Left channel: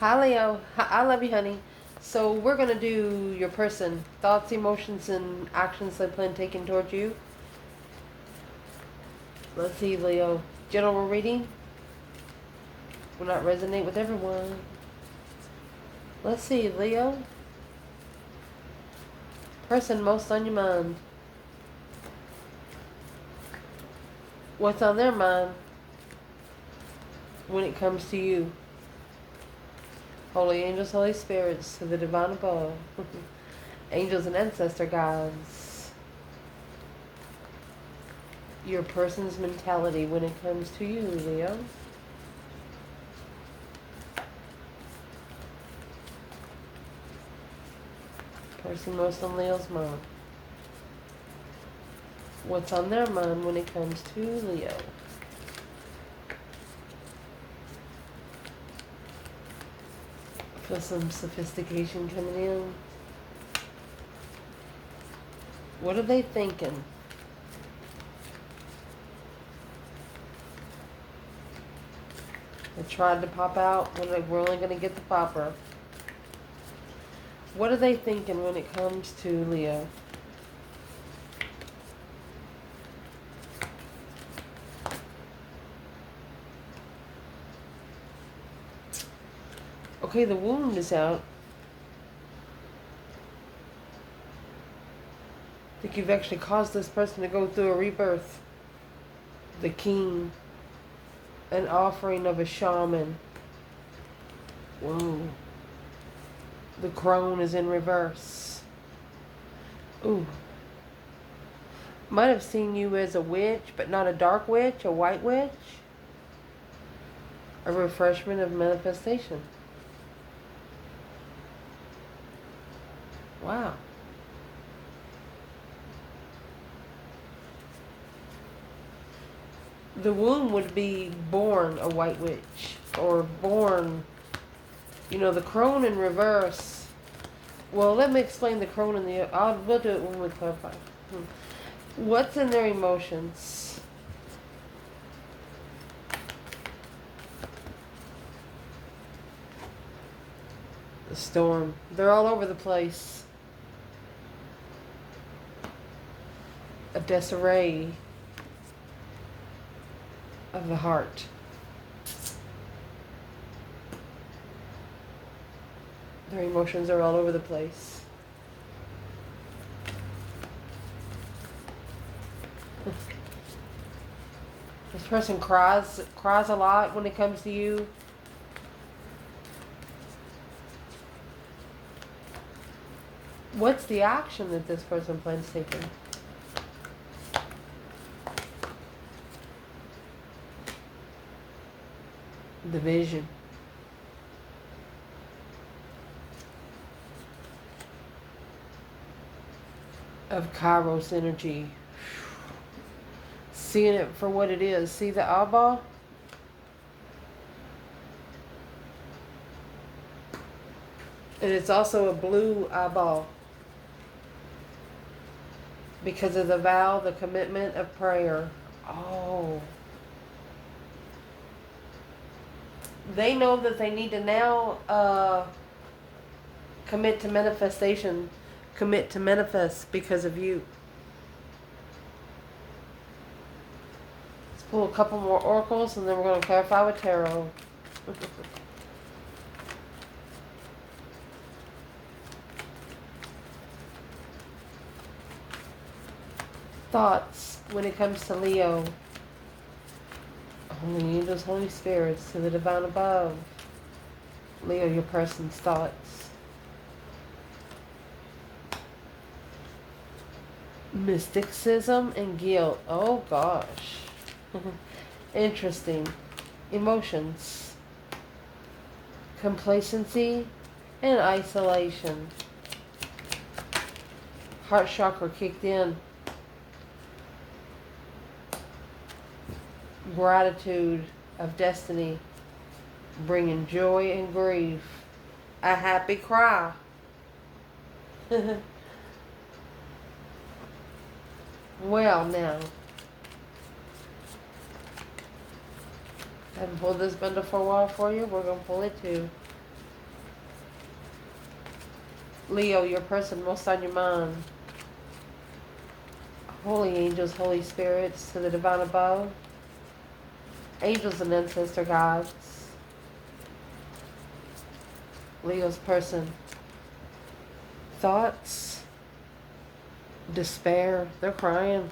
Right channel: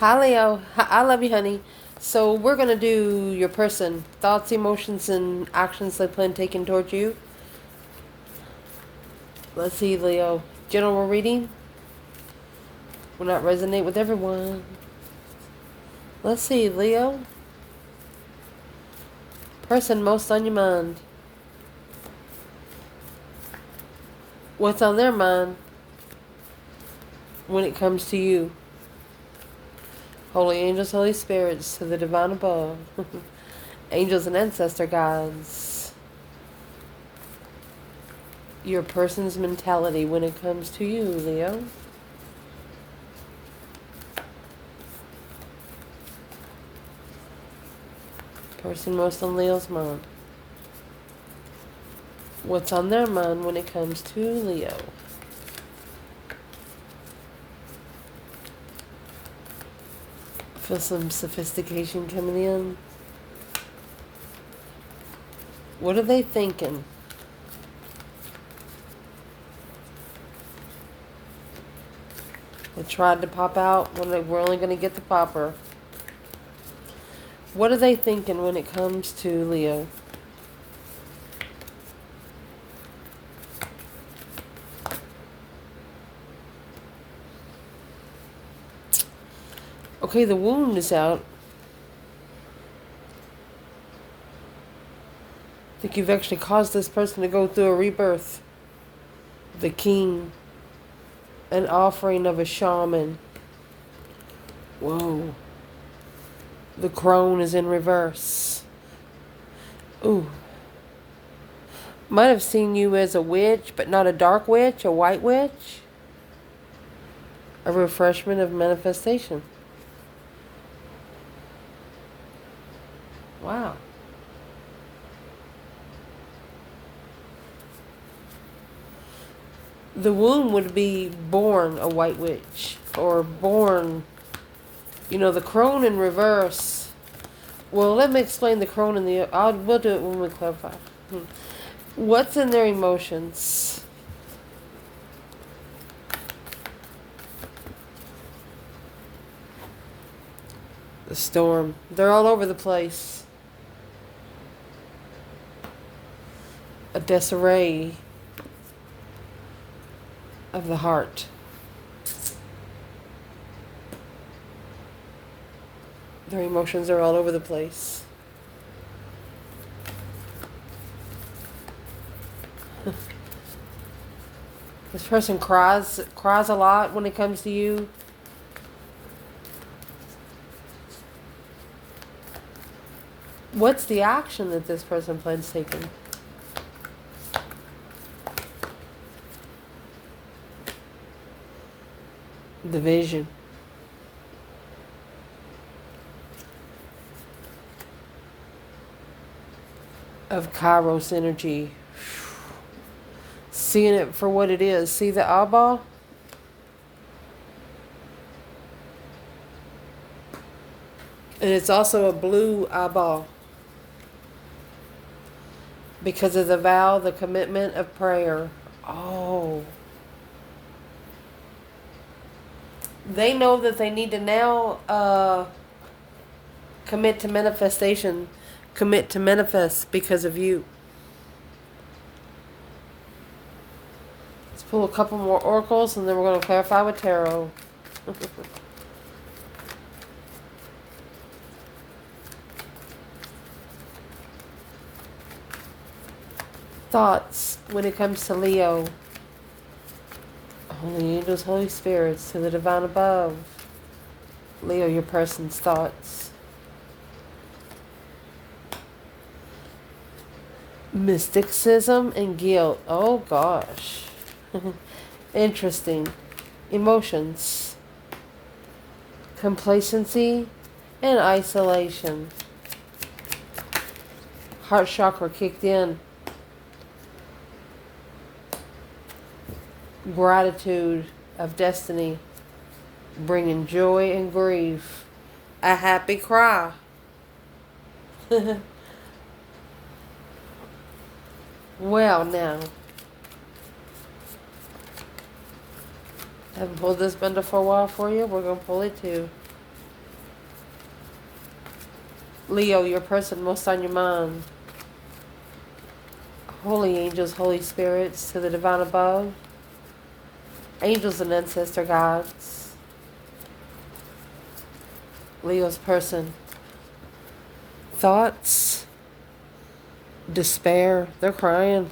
Hi, Leo. I love you, honey. So we're gonna do your person, thoughts, emotions, and actions they plan taking towards you. Let's see, Leo. General reading will not resonate with everyone. Let's see, Leo. Person most on your mind. What's on their mind when it comes to you? Holy angels, holy spirits, to the divine above. Angels and ancestor guides. Your person's mentality when it comes to you, Leo. Person most on Leo's mind. What's on their mind when it comes to Leo? Feel some sophistication coming in. What are they thinking? They tried to pop out when they were only going to get the popper. What are they thinking when it comes to Leo? Okay, the wound is out. I think you've actually caused this person to go through a rebirth. The king. An offering of a shaman. Whoa. The crone is in reverse. Ooh. Might have seen you as a witch, but not a dark witch, a white witch. A refreshment of manifestation. Wow. The womb would be born a white witch. Or born, the crone in reverse. Well, let me explain the crone and we'll do it when we clarify. What's in their emotions? The storm. They're all over the place. A disarray of the heart. Their emotions are all over the place. This person cries a lot when it comes to you. What's the action that this person plans taking? The vision. Of Kairos energy. Seeing it for what it is. See the eyeball? And it's also a blue eyeball. Because of the vow, the commitment of prayer. Oh. They know that they need to now commit to manifestation. Commit to manifest because of you. Let's pull a couple more oracles and then we're going to clarify with tarot. Thoughts when it comes to Leo. Holy angels, holy spirits, to the divine above. Leo, your person's thoughts. Mysticism and guilt. Oh gosh. Interesting. Emotions. Complacency and isolation. Heart chakra kicked in. Gratitude of destiny. Bringing joy and grief. A happy cry. Well, now, I haven't pulled this bundle for a while for you. We're going to pull it too. Leo, your person most on your mind. Holy angels, holy spirits, to the divine above. Angels and ancestor gods. Leo's person. Thoughts. Despair. They're crying.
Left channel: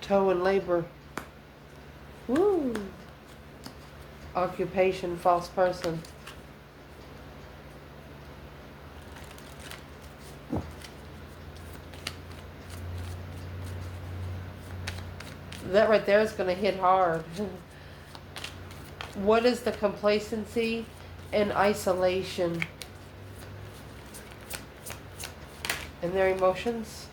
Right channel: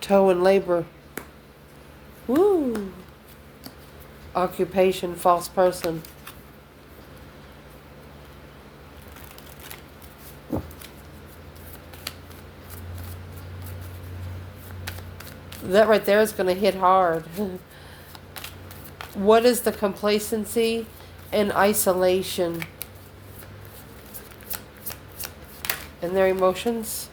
Toe and labor. Woo. Occupation, false person. That right there is going to hit hard. What is the complacency and isolation in their emotions?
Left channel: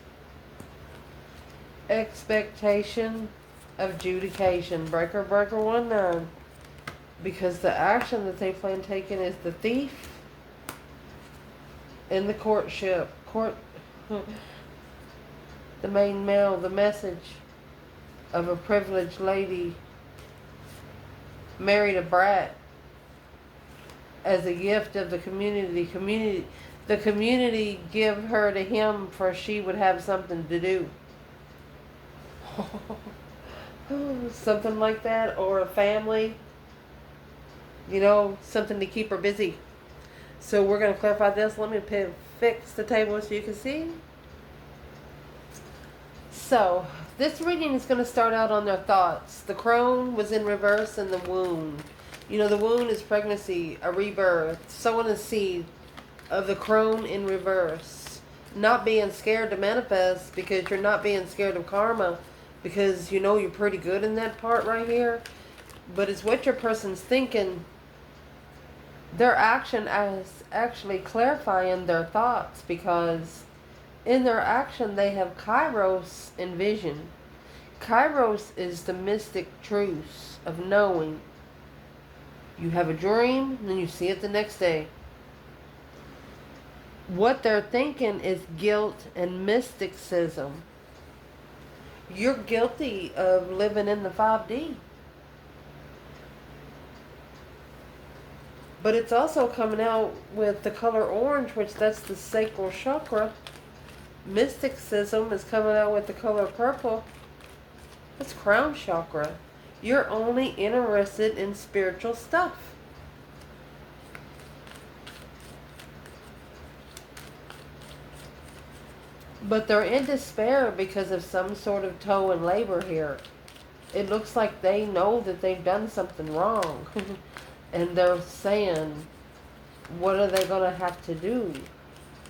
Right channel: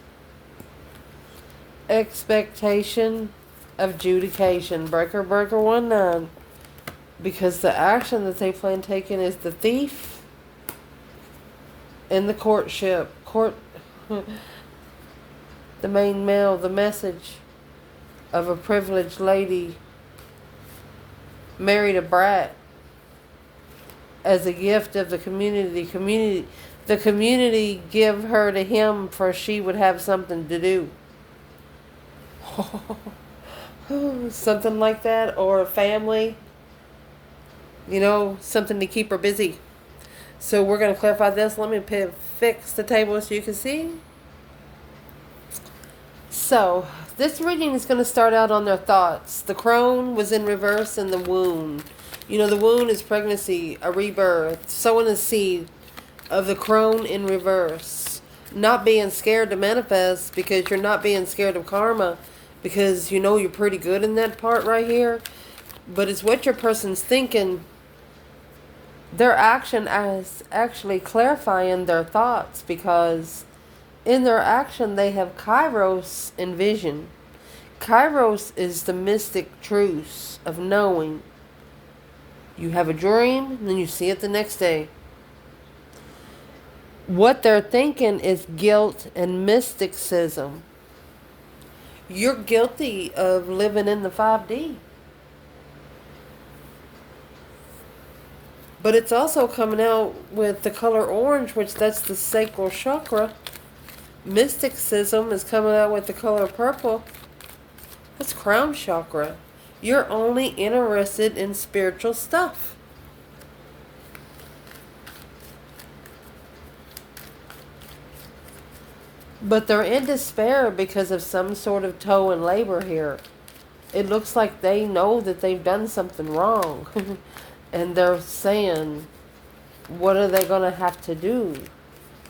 Expectation of judication. Breaker, breaker, 1-9. Because the action that they plan taking is the thief in the courtship. The main male, the message of a privileged lady married a brat as a gift of the community. The community give her to him for she would have something to do. Something like that, or a family, you know, something to keep her busy. So we're going to clarify this. Let me fix the table so you can see. So this reading is going to start out on their thoughts. The crone was in reverse in the wound. You know, the wound is pregnancy, a rebirth, sowing a seed of the crone in reverse. Not being scared to manifest because you're not being scared of karma, because you know you're pretty good in that part right here. But it's what your person's thinking. Their action is actually clarifying their thoughts, because in their action they have Kairos in vision. Kairos is the mystic truth of knowing. You have a dream, and then you see it the next day. What they're thinking is guilt and mysticism. You're guilty of living in the 5D. But it's also coming out with the color orange, which that's the sacral chakra. Mysticism is coming out with the color purple. That's crown chakra. You're only interested in spiritual stuff. But they're in despair because of some sort of toe and labor here. It looks like they know that they've done something wrong. And they're saying, what are they going to have to do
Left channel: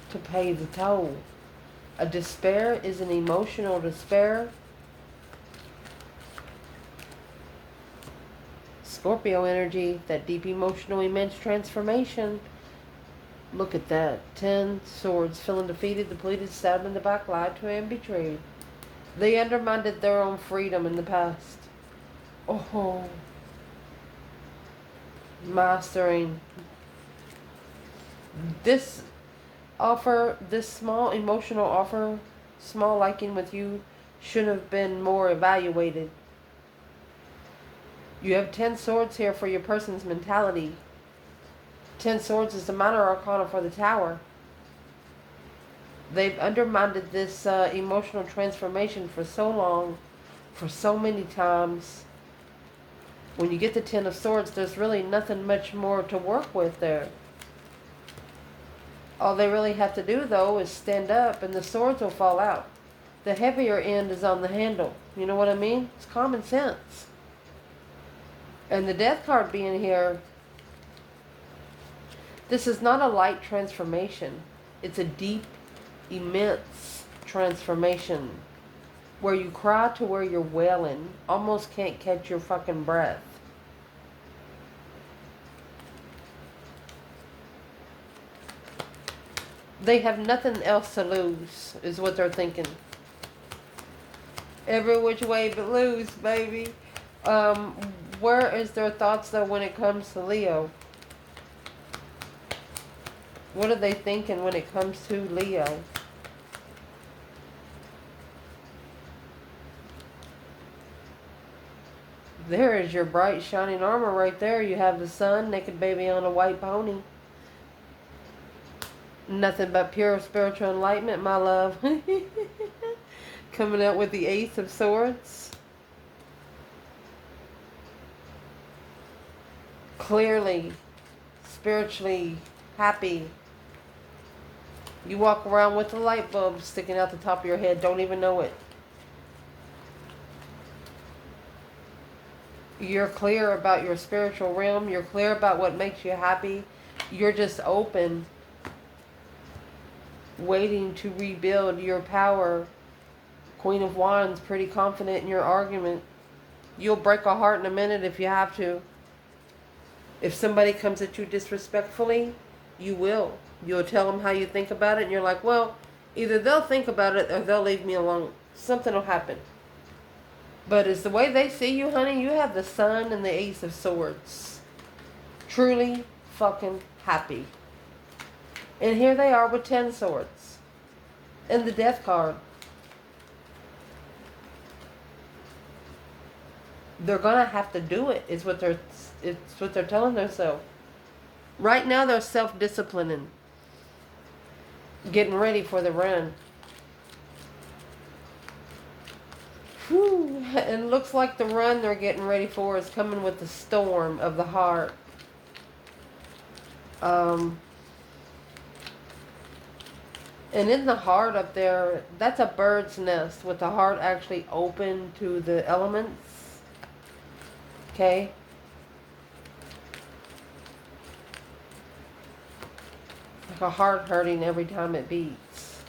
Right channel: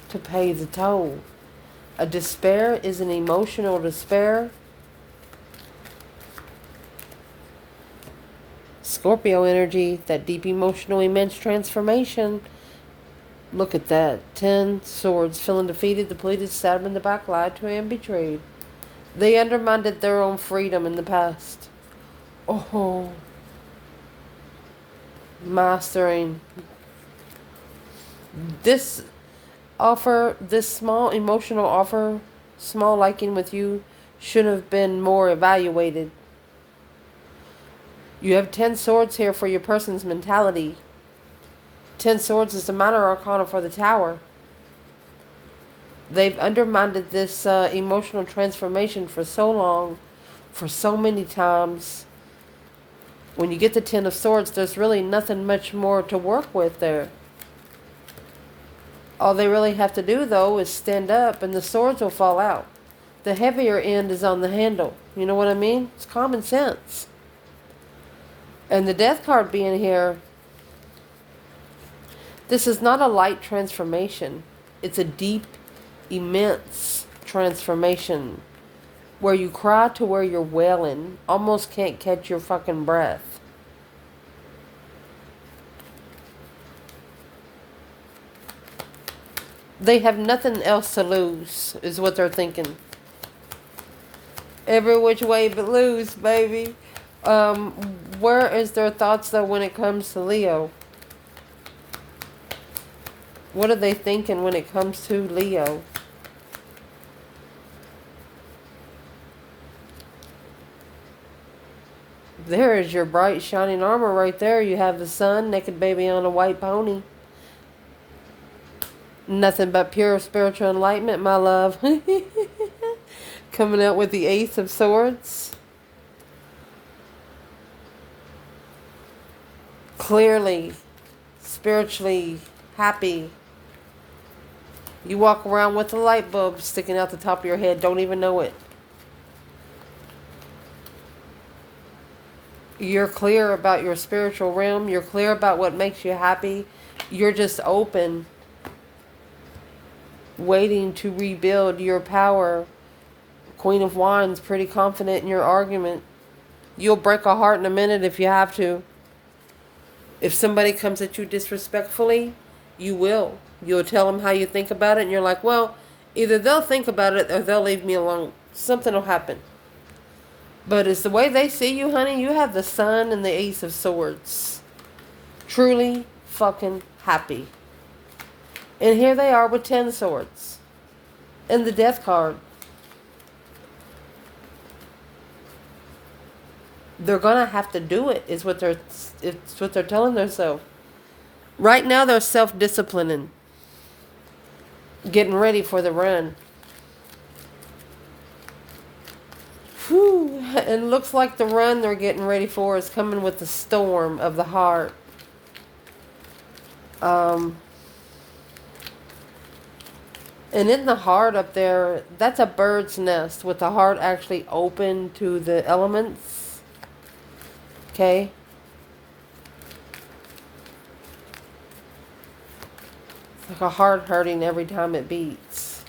to pay the toll? A despair is an emotional despair. Scorpio energy, that deep emotional immense transformation. Look at that. 10 swords, feeling defeated, depleted, stabbed in the back, lied to and betrayed. They undermined their own freedom in the past. Oh, mastering. This offer, this small emotional offer, small liking with you, should have been more evaluated. You have 10 swords here for your person's mentality. 10 swords is the minor arcana for the tower. They've undermined this emotional transformation for so long, for so many times. When you get the 10 of swords, there's really nothing much more to work with there. All they really have to do, though, is stand up and the swords will fall out. The heavier end is on the handle. You know what I mean? It's common sense. And the death card being here, this is not a light transformation. It's a deep, immense transformation where you cry to where you're wailing, almost can't catch your fucking breath. They have nothing else to lose, is what they're thinking. Every which way but lose, baby. Where is their thoughts, though, when it comes to Leo? What are they thinking when it comes to Leo? There is your bright, shining armor right there. You have the sun, naked baby on a white pony. Nothing but pure spiritual enlightenment, my love. Coming out with the Ace of Swords. Clearly, spiritually happy. You walk around with a light bulb sticking out the top of your head, don't even know it. You're clear about your spiritual realm. You're clear about what makes you happy. You're just open, waiting to rebuild your power. Queen of Wands, pretty confident in your argument. You'll break a heart in a minute if you have to. If somebody comes at you disrespectfully, you will. You'll tell them how you think about it, and you're like, well, either they'll think about it or they'll leave me alone. Something will happen. But it's the way they see you, honey. You have the Sun and the Ace of Swords. Truly fucking happy. And here they are with 10 swords. And the Death card. They're going to have to do it, it's what they're telling themselves. Right now they're self-disciplining. Getting ready for the run. Whew. And looks like the run they're getting ready for is coming with the storm of the heart. And in the heart up there, that's a bird's nest with the heart actually open to the elements. Okay? It's like a heart hurting every time it beats.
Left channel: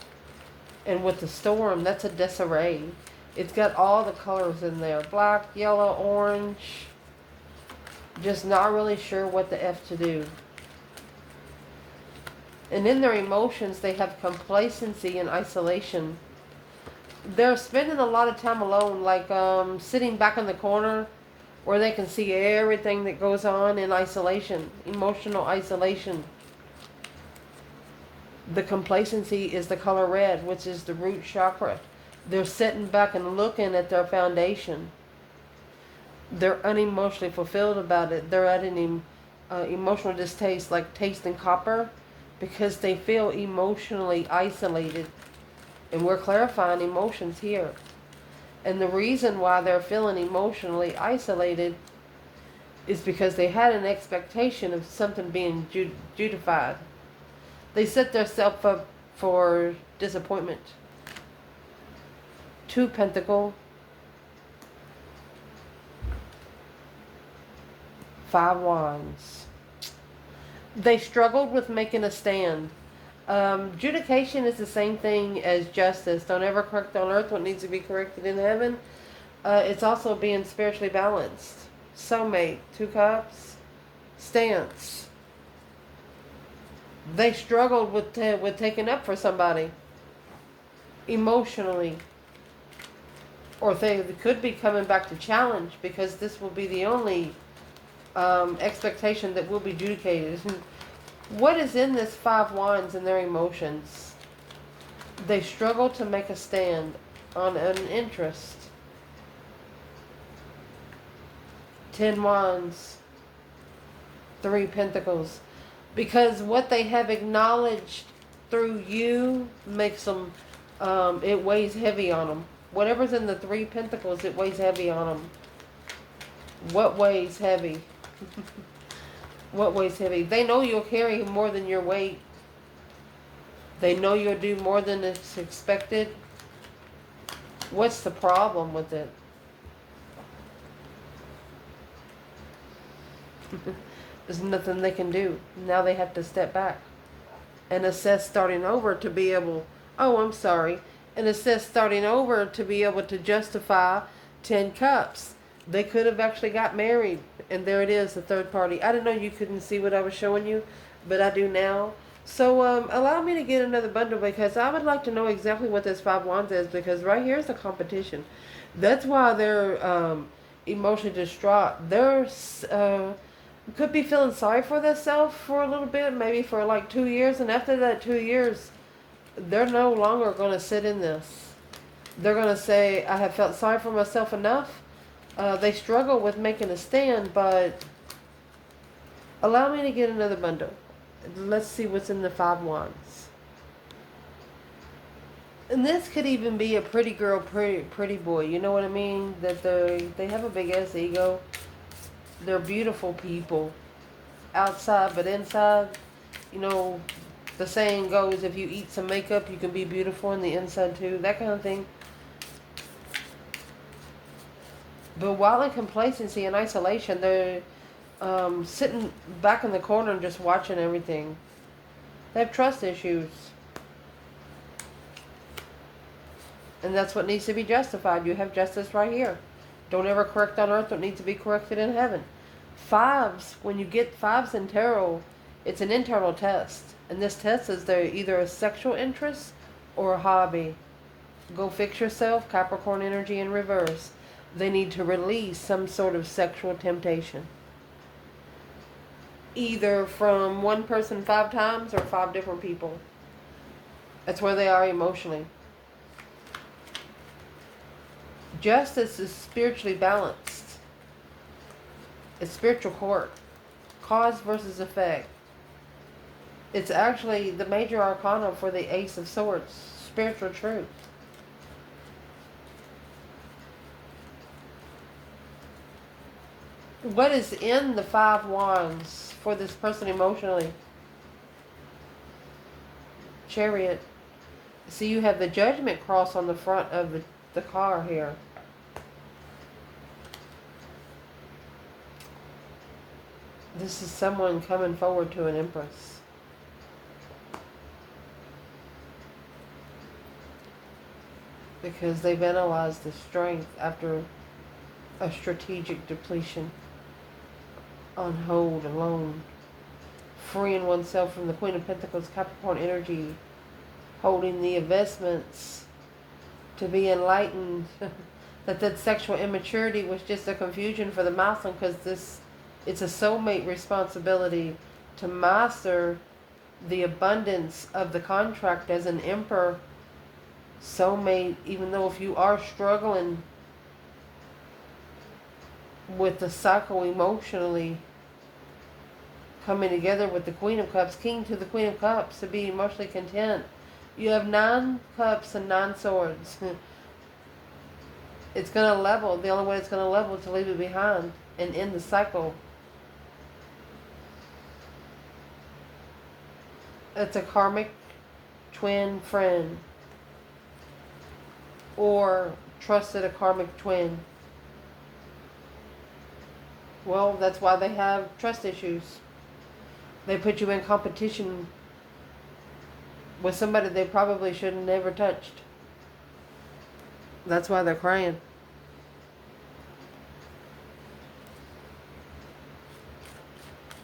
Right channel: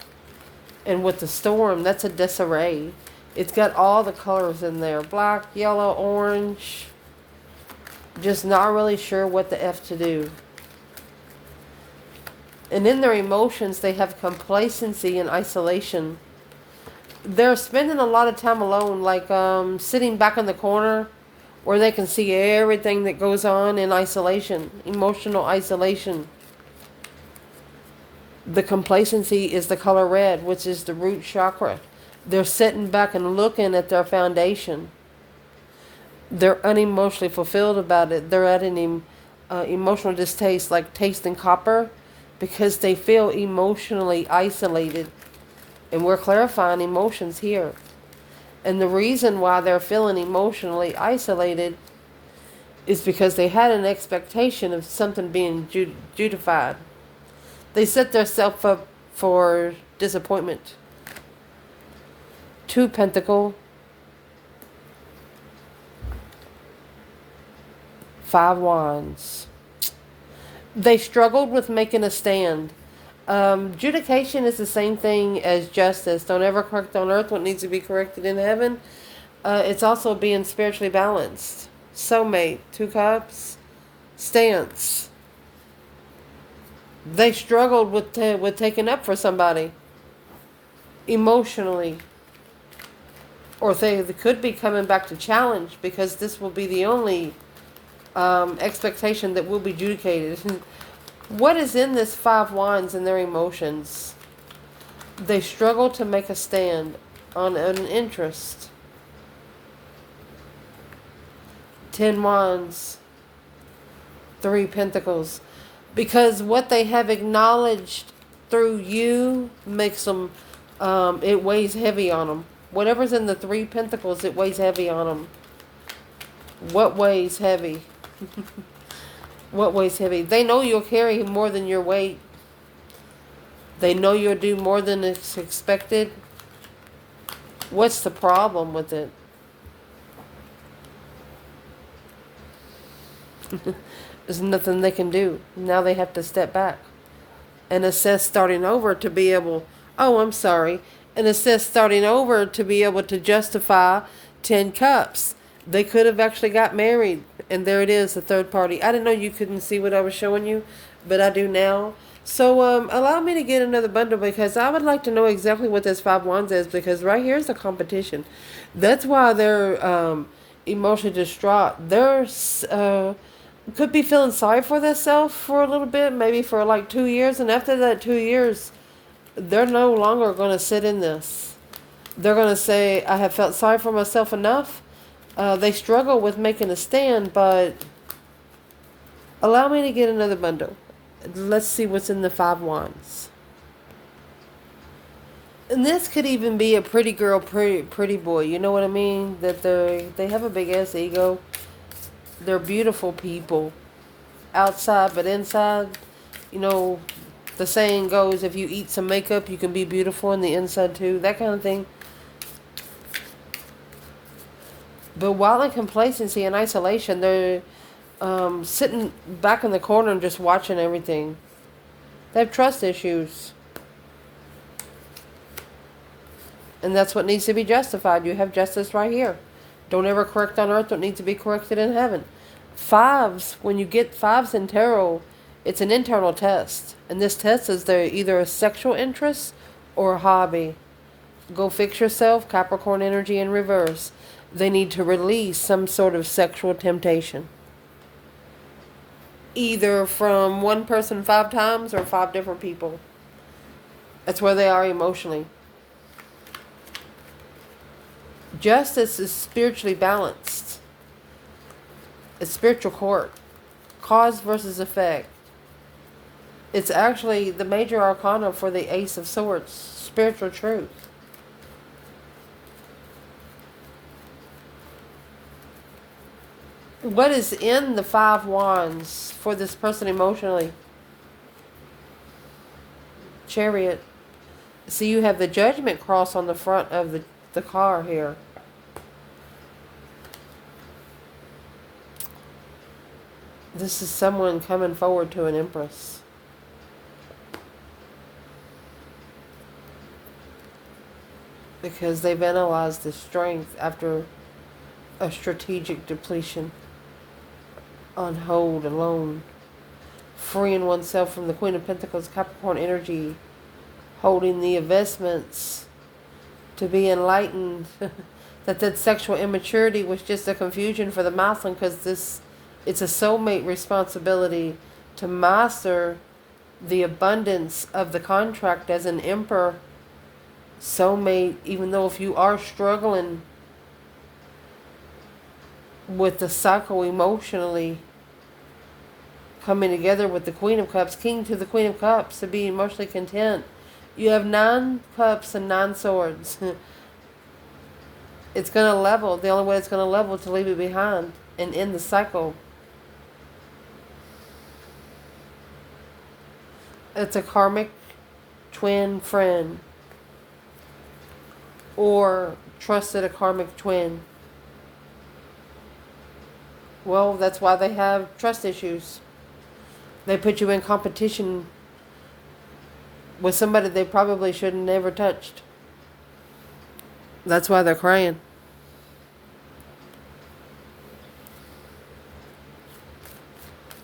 And with the storm, that's a disarray. It's got all the colors in there. Black, yellow, orange. Just not really sure what the F to do. And in their emotions, they have complacency and isolation. They're spending a lot of time alone, like sitting back in the corner where they can see everything that goes on in isolation, emotional isolation. The complacency is the color red, which is the root chakra. They're sitting back and looking at their foundation. They're unemotionally fulfilled about it. They're at an emotional distaste, like tasting copper, because they feel emotionally isolated. And we're clarifying emotions here. And the reason why they're feeling emotionally isolated is because they had an expectation of something being judified. They set themselves up for disappointment. 2 Pentacle, 5 Wands. They struggled with making a stand. Judication is the same thing as justice. Don't ever correct on earth what needs to be corrected in heaven. It's also being spiritually balanced. Soulmate, 2 Cups, stance. They struggled with taking up for somebody emotionally. Or they could be coming back to challenge, because this will be the only expectation that will be judicated. What is in this 5 Wands and their emotions? They struggle to make a stand on an interest. 10 Wands, 3 Pentacles. Because what they have acknowledged through you makes them, it weighs heavy on them. Whatever's in the 3 Pentacles, it weighs heavy on them. What weighs heavy? What weighs heavy? They know you'll carry more than your weight. They know you'll do more than is expected. What's the problem with it? There's nothing they can do. Now they have to step back and assess starting over to be able... Oh, I'm sorry. And assess starting over to be able to justify 10 Cups. They could have actually got married. And there it is, the third party. I didn't know you couldn't see what I was showing you, but I do now. So allow me to get another bundle, because I would like to know exactly what this 5 Wands is, because right here is the competition. That's why they're emotionally distraught. They're could be feeling sorry for themselves for a little bit, maybe for like 2 years. And after that 2 years, they're no longer going to sit in this. They're going to say, I have felt sorry for myself enough. They struggle with making a stand, but allow me to get another bundle. Let's see what's in the 5 wands. And this could even be a pretty girl, pretty boy. You know what I mean? That they have a big ass ego. They're beautiful people outside, but inside, you know, the saying goes, if you eat some makeup, you can be beautiful on the inside too. That kind of thing. But while in complacency and isolation, they're sitting back in the corner and just watching everything. They have trust issues. And that's what needs to be justified. You have justice right here. Don't ever correct on earth what needs to be corrected in heaven. Fives, when you get fives in tarot, it's an internal test. And this test is either a sexual interest or a hobby. Go fix yourself, Capricorn energy in reverse. They need to release some sort of sexual temptation. Either from one person 5 times or 5 different people. That's where they are emotionally. Justice is spiritually balanced. It's spiritual court. Cause versus effect. It's actually the major arcana for the Ace of Swords. Spiritual truth. What is in the 5 wands for this person emotionally? Chariot. See, you have the Judgment cross on the front of the car here. This is someone coming forward to an Empress. Because they've analyzed the strength after a strategic depletion. On hold, alone. Freeing oneself from the Queen of Pentacles, Capricorn energy. Holding the investments to be enlightened. that sexual immaturity was just a confusion for the masculine, because it's a soulmate responsibility to master the abundance of the contract as an emperor. Soulmate, even though if you are struggling with the cycle emotionally, coming together with the Queen of Cups, King to the Queen of Cups, to be emotionally content. You have 9 cups and 9 swords. It's going to level. The only way it's going to level is to leave it behind and end the cycle. It's a karmic twin friend. Or trusted a karmic twin. Well, that's why they have trust issues. They put you in competition with somebody they probably should have never touched. That's why they're crying.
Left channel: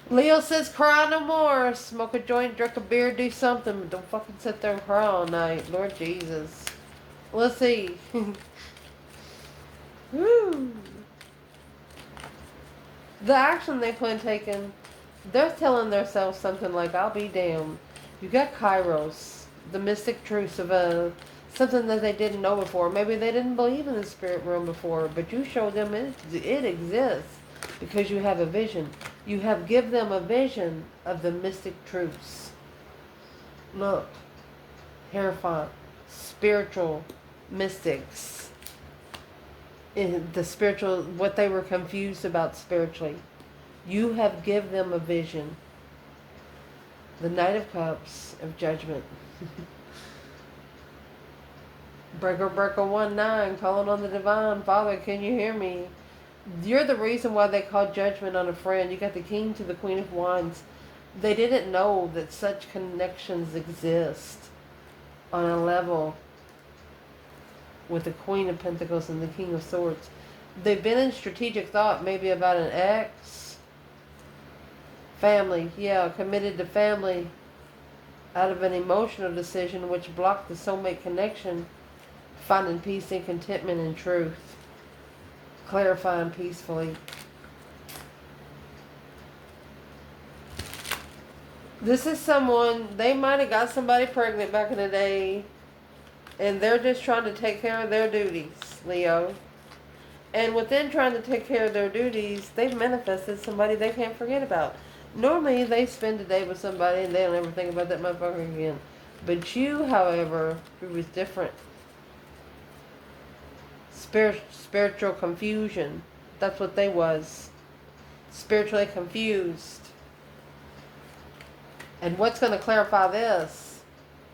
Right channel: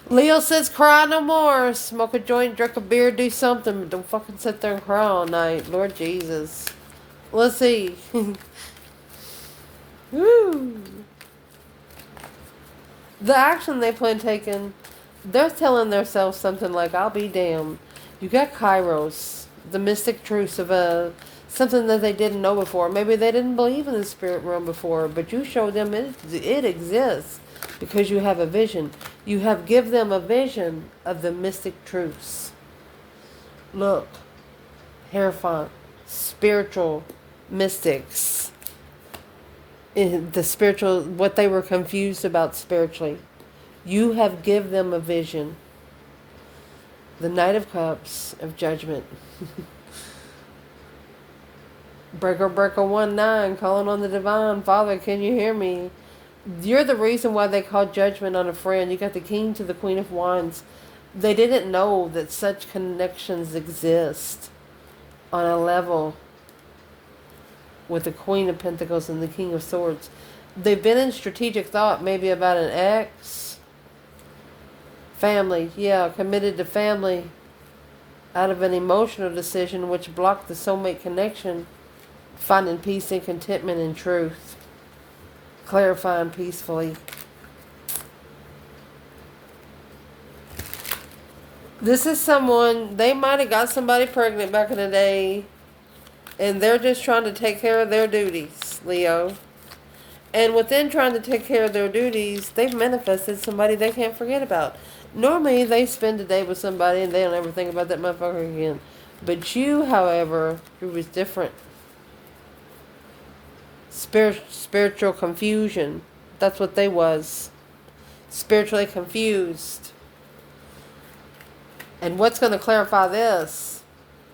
Leo says cry no more. Smoke a joint, drink a beer, do something. But don't fucking sit there and cry all night. Lord Jesus. Let's see. Woo. The action they plan taking, they're telling themselves something like, I'll be damned. You got Kairos, the mystic truths of something that they didn't know before. Maybe they didn't believe in the spirit realm before, but you showed them it exists because you have a vision. You have give them a vision of the mystic truths. Look, Hierophant, spiritual mystics. In the spiritual, what they were confused about spiritually. You have give them a vision. The Knight of Cups of Judgment. Breaker 19, calling on the divine. Father, can you hear me? You're the reason why they call judgment on a friend. You got the King to the Queen of Wands. They didn't know that such connections exist on a level with the Queen of Pentacles and the King of Swords. They've been in strategic thought maybe about an ex. Family, yeah, committed to family out of an emotional decision which blocked the soulmate connection, finding peace and contentment in truth, clarifying peacefully. This is someone, they might have got somebody pregnant back in the day, and they're just trying to take care of their duties, Leo. And within trying to take care of their duties, they've manifested somebody they can't forget about. Normally, they spend a day with somebody and they don't ever think about that motherfucker again. But you, however, it was different. Spiritual confusion. That's what they was. Spiritually confused. And what's going to clarify this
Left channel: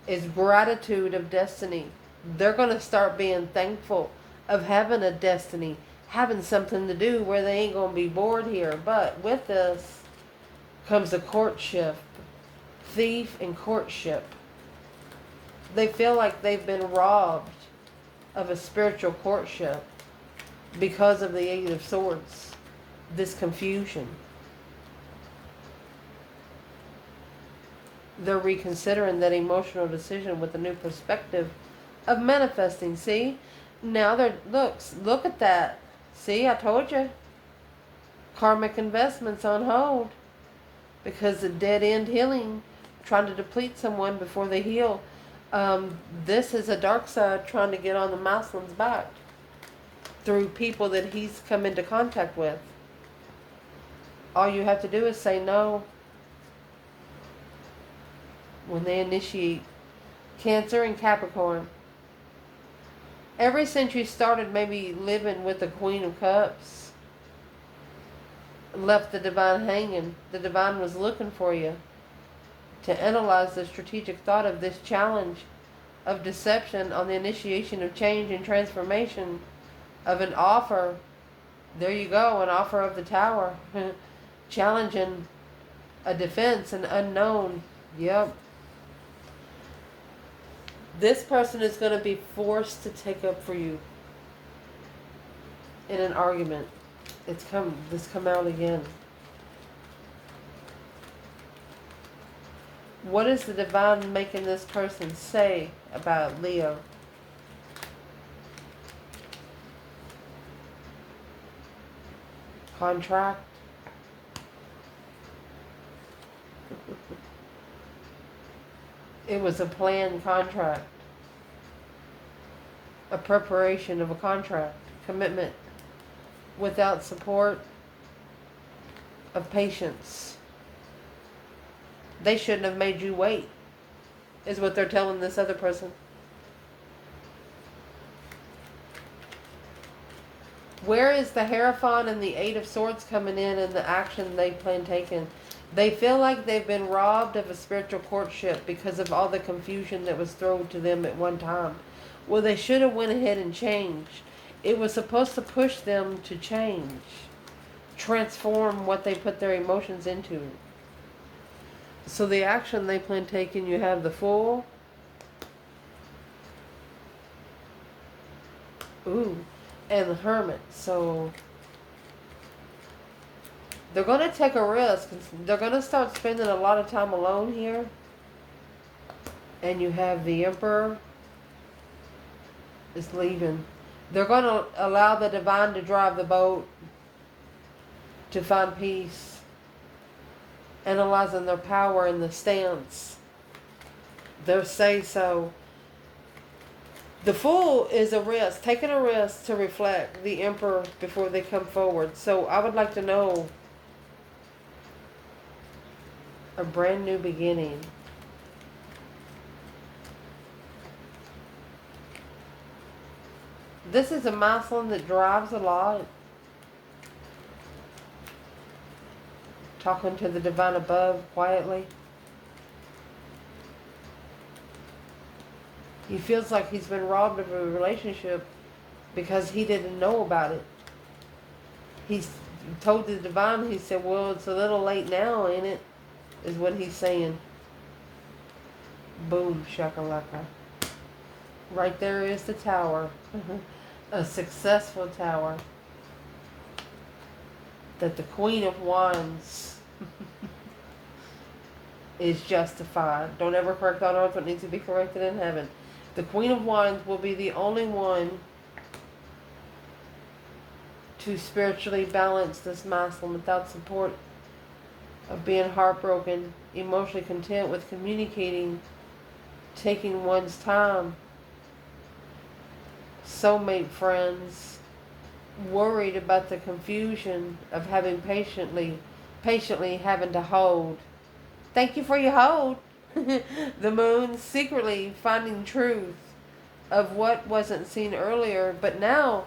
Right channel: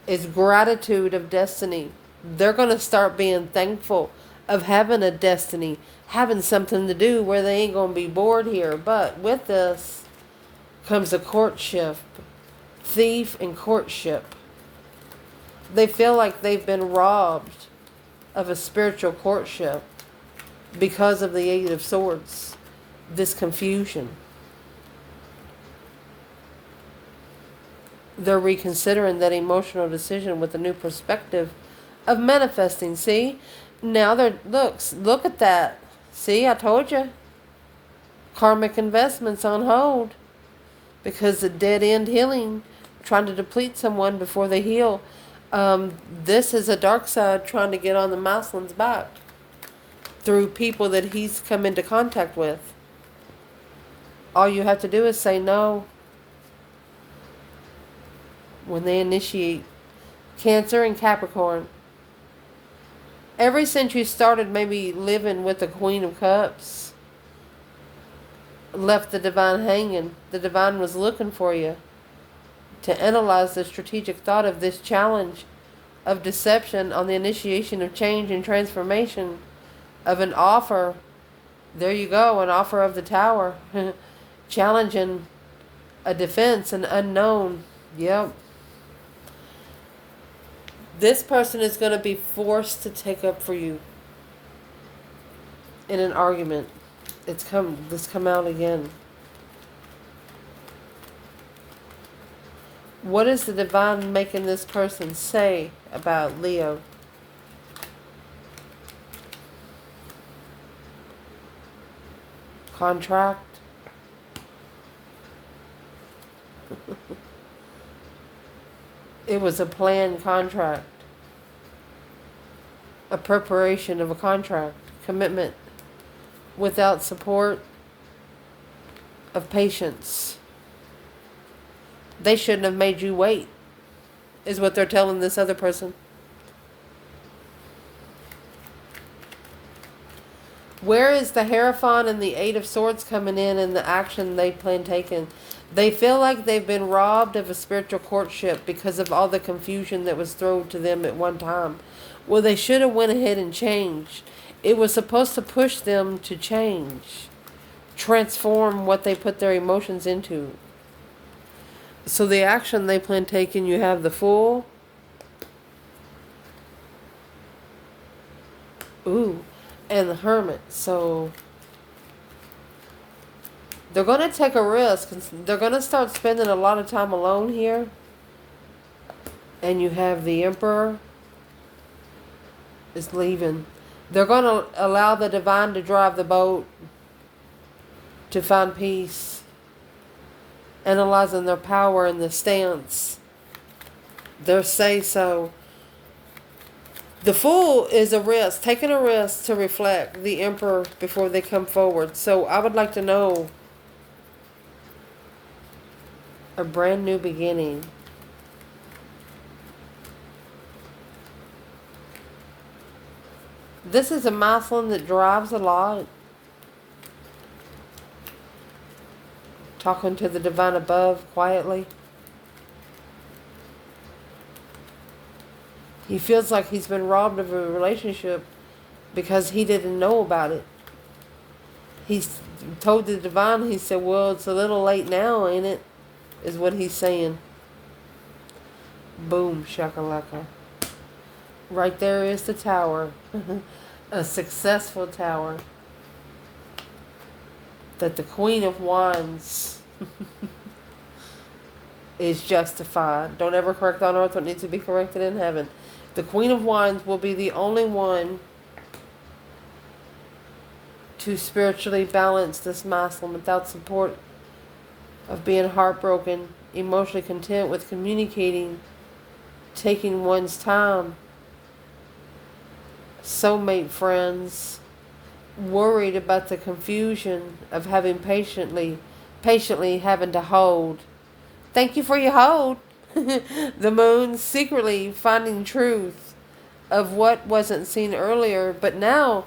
is gratitude of destiny. They're going to start being thankful of having a destiny, having something to do where they ain't going to be bored here. But with this comes a courtship. Thief and courtship. They feel like they've been robbed of a spiritual courtship because of the Eight of Swords. This confusion. They're reconsidering that emotional decision with a new perspective of manifesting. See? Now they're, look at that. See, I told you. Karmic investments on hold. Because the dead end healing, trying to deplete someone before they heal. This is a dark side trying to get on the Maslin's back through people that he's come into contact with. All you have to do is say no when they initiate. Cancer and Capricorn. Ever since you started maybe living with the Queen of Cups, left the Divine hanging, the Divine was looking for you to analyze the strategic thought of this challenge of deception on the initiation of change and transformation of an offer. There you go, an offer of the Tower. Challenging a defense, an unknown. Yep. This person is going to be forced to take up for you in an argument. This come out again. What is the Divine making this person say about Leo? Contract. It was a planned contract. A preparation of a contract. Commitment. Without support of patience. They shouldn't have made you wait, is what they're telling this other person. Where is the Hierophant and the Eight of Swords coming in and the action they plan taking? They feel like they've been robbed of a spiritual courtship because of all the confusion that was thrown to them at one time. Well, they should have went ahead and changed. It was supposed to push them to change. Transform what they put their emotions into. So the action they plan taking, you have the Fool. Ooh. And the Hermit. So they're going to take a risk. They're going to start spending a lot of time alone here. And you have the Emperor is leaving. They're going to allow the Divine to drive the boat to find peace. Analyzing their power and the stance. Their say-so. The Fool is a risk, taking a risk to reflect the Emperor before they come forward. So I would like to know a brand new beginning. This is a Maslin that drives a lot. Talking to the Divine above quietly. He feels like he's been robbed of a relationship because he didn't know about it. He's told the Divine, he said, well, it's a little late now, ain't it? Is what he's saying. Boom, shakalaka. Right there is the Tower. A successful Tower. That the Queen of Wands is justified. Don't ever correct on earth what needs to be corrected in heaven. The Queen of Wands will be the only one to spiritually balance this Maslin without support of being heartbroken, emotionally content with communicating, taking one's time. Soulmate friends, worried about the confusion of having patiently having to hold. Thank you for your hold. The moon secretly finding truth of what wasn't seen earlier, but now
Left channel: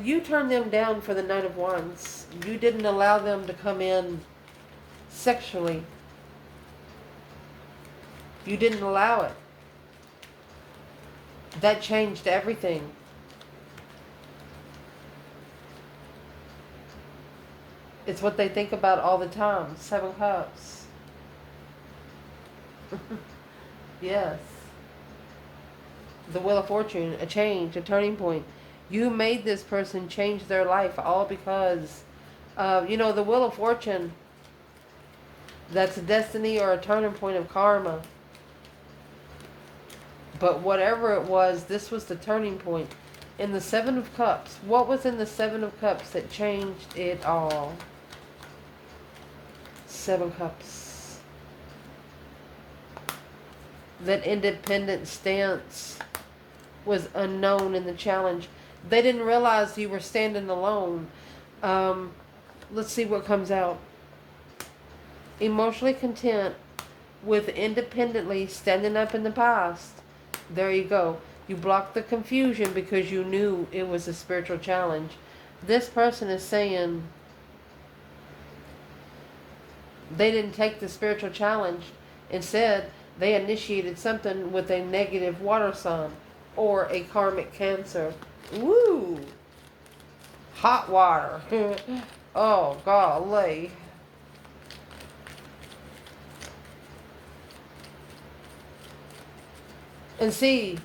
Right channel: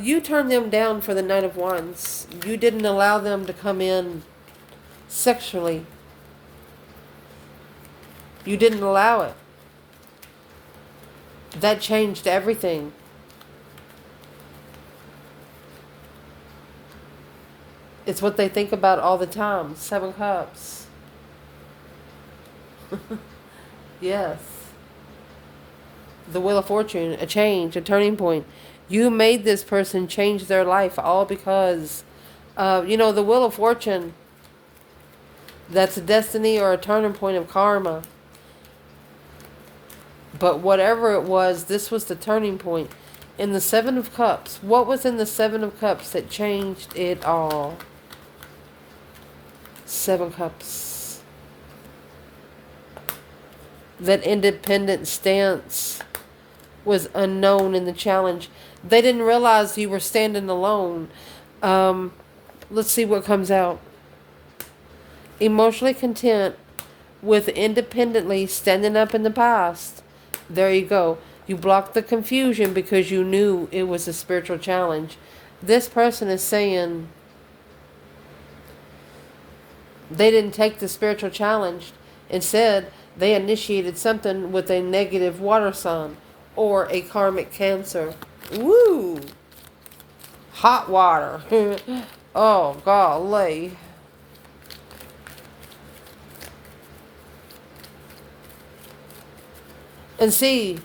you turned them down for the Knight of Wands. You didn't allow them to come in sexually. You didn't allow it. That changed everything. It's what they think about all the time. 7 Cups. Yes. The Wheel of Fortune, a change, a turning point. You made this person change their life all because, the Wheel of Fortune, that's a destiny or a turning point of karma. But whatever it was, this was the turning point. In the 7 of Cups, what was in the 7 of Cups that changed it all? 7 Cups. That independent stance was unknown in the challenge. They didn't realize you were standing alone. Let's see what comes out. Emotionally content with independently standing up in the past. There you go. You blocked the confusion because you knew it was a spiritual challenge. This person is saying they didn't take the spiritual challenge. Instead, they initiated something with a negative water sign or a karmic Cancer. Woo! Hot water. Oh, golly. And see,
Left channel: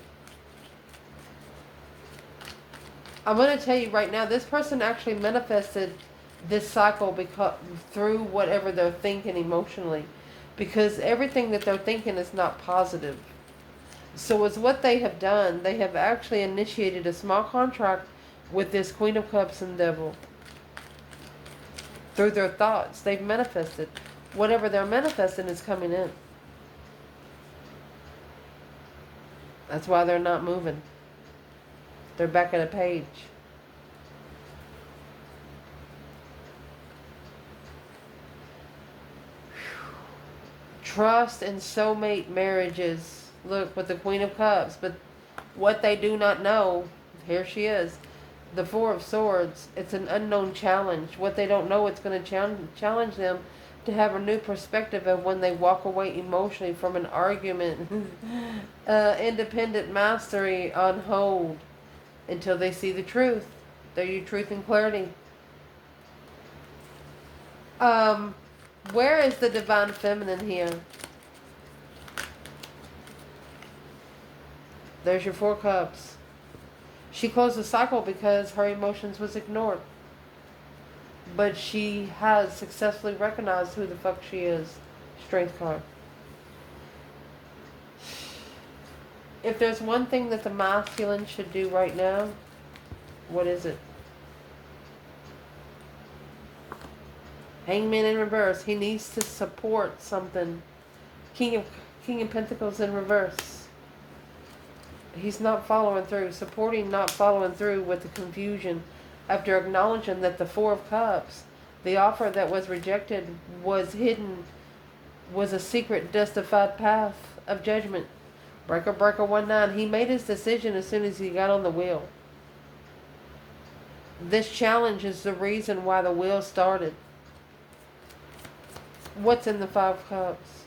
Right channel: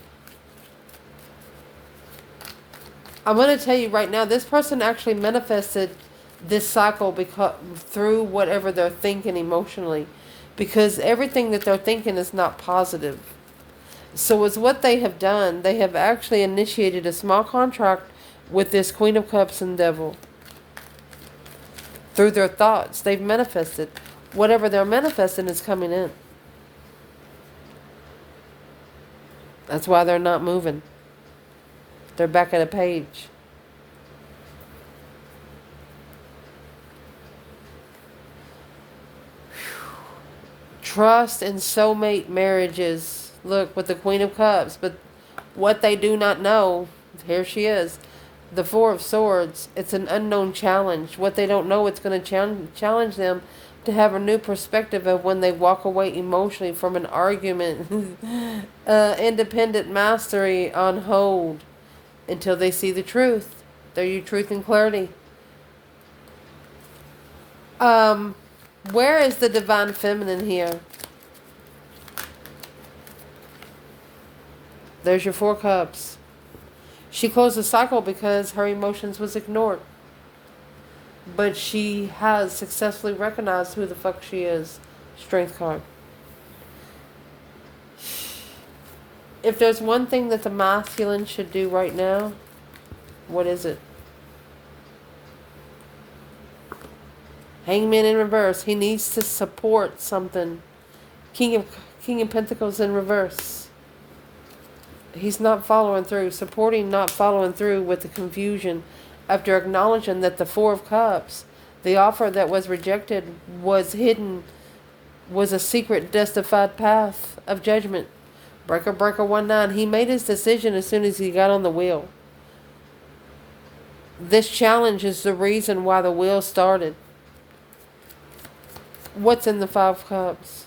I'm going to tell you right now, this person actually manifested this cycle through whatever they're thinking emotionally. Because everything that they're thinking is not positive. So it's what they have done. They have actually initiated a small contract with this Queen of Cups and Devil. Through their thoughts, they've manifested. Whatever they're manifesting is coming in. That's why they're not moving. They're back at a page. Trust and soulmate marriages. Look, with the Queen of Cups. But what they do not know, here she is. The 4 of Swords. It's an unknown challenge. What they don't know, it's going to challenge them to have a new perspective of when they walk away emotionally from an argument. Independent mastery on hold until they see the truth. There you truth and clarity. Where is the divine feminine here? There's your 4 Cups. She closed the cycle because her emotions was ignored. But she has successfully recognized who the fuck she is. Strength card. If there's one thing that the masculine should do right now, what is it? Hangman in reverse. He needs to support something. King of Pentacles in reverse. He's not following through. Supporting, not following through with the confusion. After acknowledging that the 4 of Cups, the offer that was rejected was hidden, was a secret, justified path of judgment. Breaker 19. He made his decision as soon as he got on the wheel. This challenge is the reason why the wheel started. What's in the 5 Cups?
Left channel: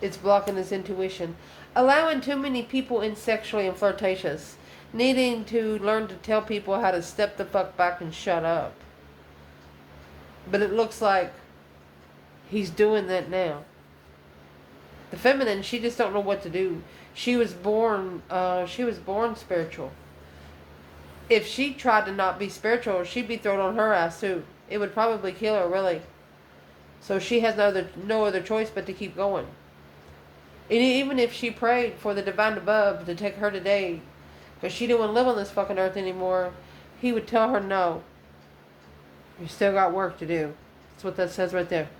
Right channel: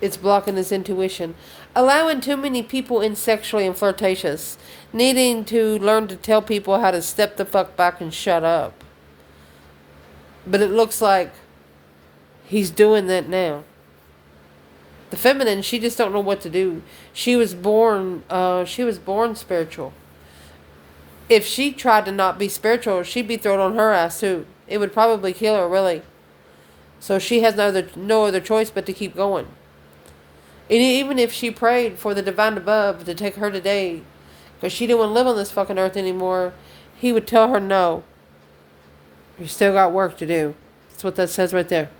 It's blocking his intuition. Allowing too many people in sexually and flirtatious. Needing to learn to tell people how to step the fuck back and shut up. But it looks like he's doing that now. The feminine, she just don't know what to do. She was born spiritual. If she tried to not be spiritual, she'd be thrown on her ass too. It would probably kill her, really. So she has no other choice but to keep going. And even if she prayed for the divine above to take her today, because she didn't want to live on this fucking earth anymore, he would tell her no. You still got work to do. That's what that says right there.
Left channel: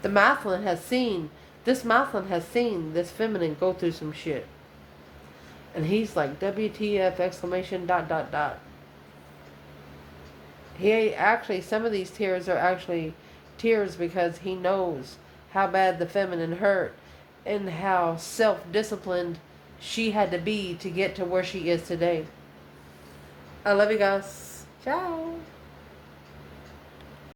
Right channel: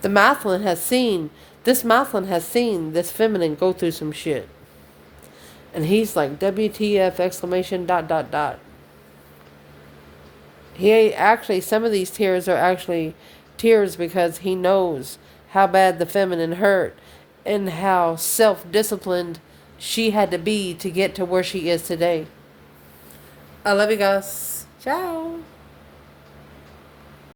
The masculine has seen this feminine go through some shit. And he's like, WTF, exclamation, ... Actually, some of these tears are actually tears because he knows how bad the feminine hurt and how self-disciplined she had to be to get to where she is today. I love you guys. Ciao.